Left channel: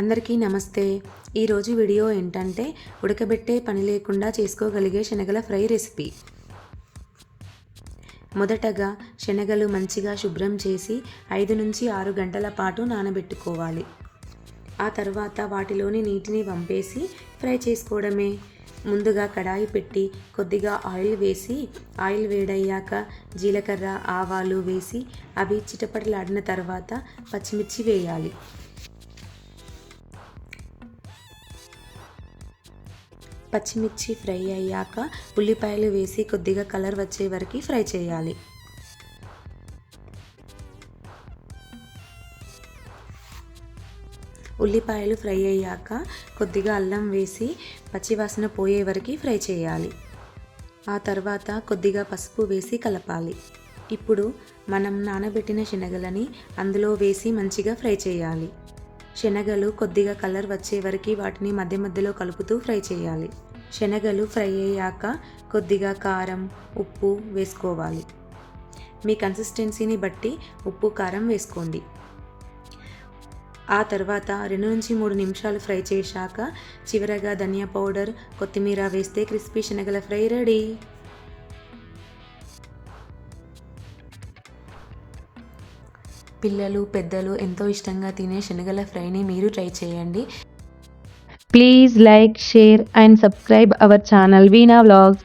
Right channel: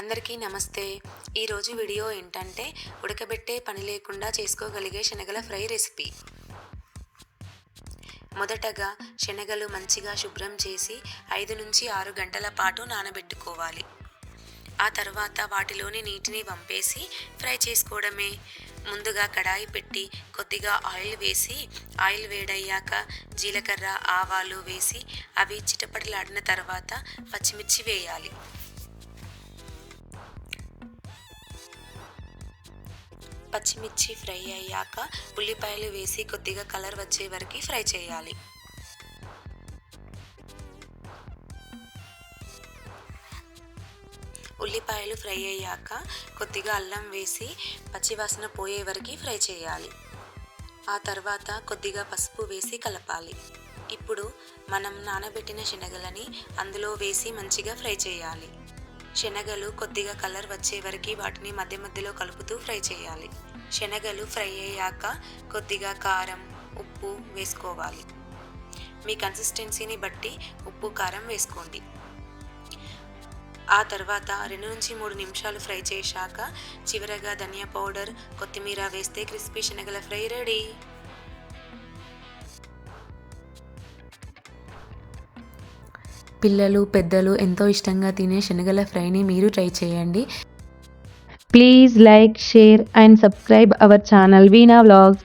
అందరికీ నమస్తే. ఈరోజు వీడియో ఏంటంటే ఉడకబెట్టే పని లేకుండా చేసుకోగలిగే శనగల ఫ్రై రెసిపీ. మొదటగా శనగలు మంచిగా శుభ్రం చేసి 5 నుంచి 6 గంటల పాటు నానబెట్టుకోవాలి. ఆ తర్వాత వాటిలోని నీటిని వంపేసి ఫ్రై చేసుకోవడమే. ముందుగా కడాయి పెట్టి కొద్దిగా ఆయిల్ వేసి ఆయిల్ వేడయ్యాక జీలకర్ర, ఆవాలు వేసి అవి చిటపటలాడిన తర్వాత పచ్చిమిర్చి వేయాలి. పచ్చిమిర్చి ఫ్రై అయ్యాక ఉల్లిపాయలు వేసి కొద్దిగా కలర్ వచ్చే వరకు ఫ్రై చేయాలి. ఉల్లిపాయలు ఫ్రై అయ్యాక కొద్దిగా అల్లం వేసి పచ్చివాసన పోయే వరకు ఫ్రై చేయాలి. ఆ తర్వాత కొద్దిగా పసుపు వేసి కలపాలి. ఇప్పుడు మనం నానబెట్టిన శనగలని అందులో వేసి మంచిగా ఫ్రై చేయాలి. శనగలు కొద్దిగా కలర్ వచ్చే వరకు వాటిని మధ్య మధ్యలో కలుపుతూ ఫ్రై చేయాలి. శనగలు ఫ్రై అయ్యాక కొద్దిగా కారం, ఉప్పు వేసుకోవాలి. మీ కన్సిస్టెన్సీని బట్టి ఉప్పు, కారం వేసుకోండి. ఆ తర్వాత 2 నుంచి 3 నిమిషాలు ఫ్రై చేశాక చివరగా ధనియా పౌడర్, కొత్తిమీర వేస్తే క్రిస్పీ శనగల ఫ్రై రెడీ. పిల్లలు, పెద్దలు ఎంతో ఇష్టంగా తినే శనగల ఫ్రైని మీరు ట్రై చేయండి. Please like, share and subscribe our channel Veena Vlogs.